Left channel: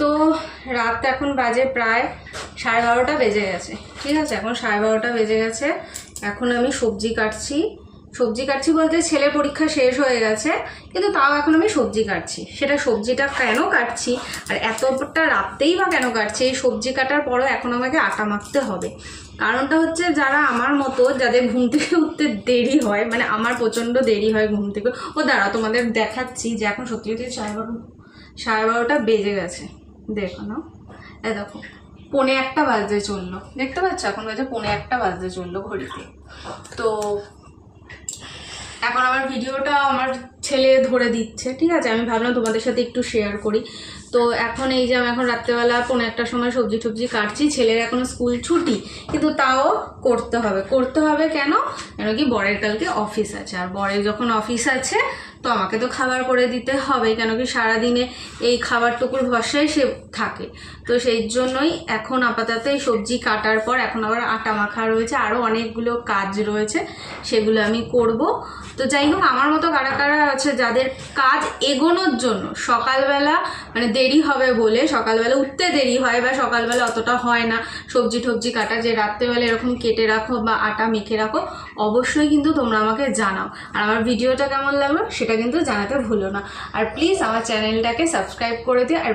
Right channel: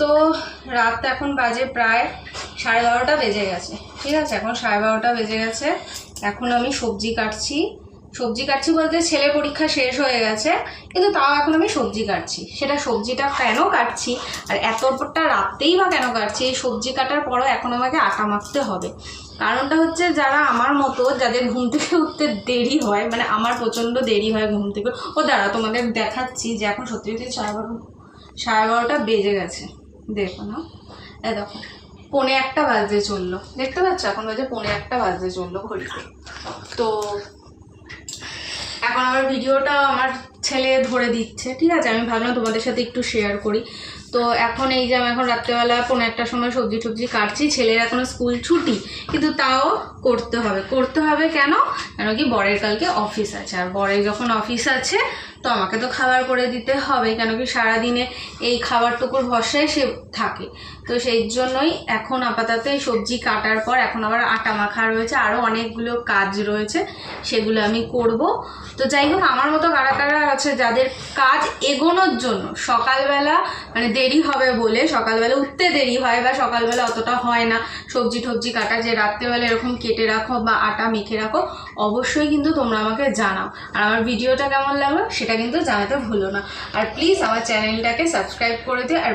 তো রাত এখন বাজে প্রায় 12:30 বেজে গেছে। ঠিক আছে, এখন 12:30 বেজে গেছে। এখন আমি সবজি কাটছি বলতে ছেলে পরীক্ষা শেষ হয়ে গেছে, কিন্তু তাও এখন আমি সবজি কাটছি। সেটা সবজিটা কেন কাটছি আর এতটা রাতেই বা কেন কাটছি, এই সবজি কাটার পরও এখন আমাকে আটা মাখতে হবে। কারণটা হচ্ছে, যারা আমার মতো যাদের ঘুম থেকে উঠতে দেরি হয়, মানে আমার প্রচণ্ড দেরি হয় ঘুম থেকে, দাঁড়া তোমাদের দেখাচ্ছি যে এখন সত্যি সত্যি 12:30 বেজে গেছে। দেখো না, দেখো 1:45 বাজতে চললো, দেখতে পাচ্ছ এখন বাজে 1:45 বাজতে চললো ঘড়িতে। তো এখন আমার ভিডিওটা আমার ছেলে ধরে দিচ্ছে। ঠিক আছে, আমি ভাবলাম তোমাদের সাথে একটু শেয়ার করি। তো এখন এই যে আমি এখন রাত্রেবেলা 1:45-র সময় সবজি কাটছি। ছেলের এখন স্কুল ছুটি, কিন্তু তাও করতে হবে। কেন কি বরের কালকে অফিস আছে, আর বরের যখন অফিস আছে তো আমাকে তো খাবার করে দিতে হবে, কেন কি সারাদিনে এই খাবারটুকুর ভরসায় সে থাকে। তো সেই জন্যই এখন আপাতত এই সবজি কাটার পর এখন আবার আটা মাখা রয়েছে, আরও অনেকগুলো কাজ রয়েছে, সেগুলো আমি করব। তো যাই হোক, আমার মতো কারা আছে যাদের কাজ এগোনোর জন্য সকালবেলা মানে দেরি হবে বলে, সকালবেলা উঠতে দেরি হয় বা সকালবেলা অতটা হয় না সবজি কাটা, যে রাত্রেবেলা এরকম কেটে রাখো বা আটা মেখে রাখো, অবশ্যই কিন্তু তোমরা আমাকে জানাও। আর আমার ভিডিওটা কেমন লাগলো সেটা কিন্তু জানাতে ভুলো না। আর প্লিজ আমার চ্যানেলটাকে সাবস্ক্রাইব করে দিও। আর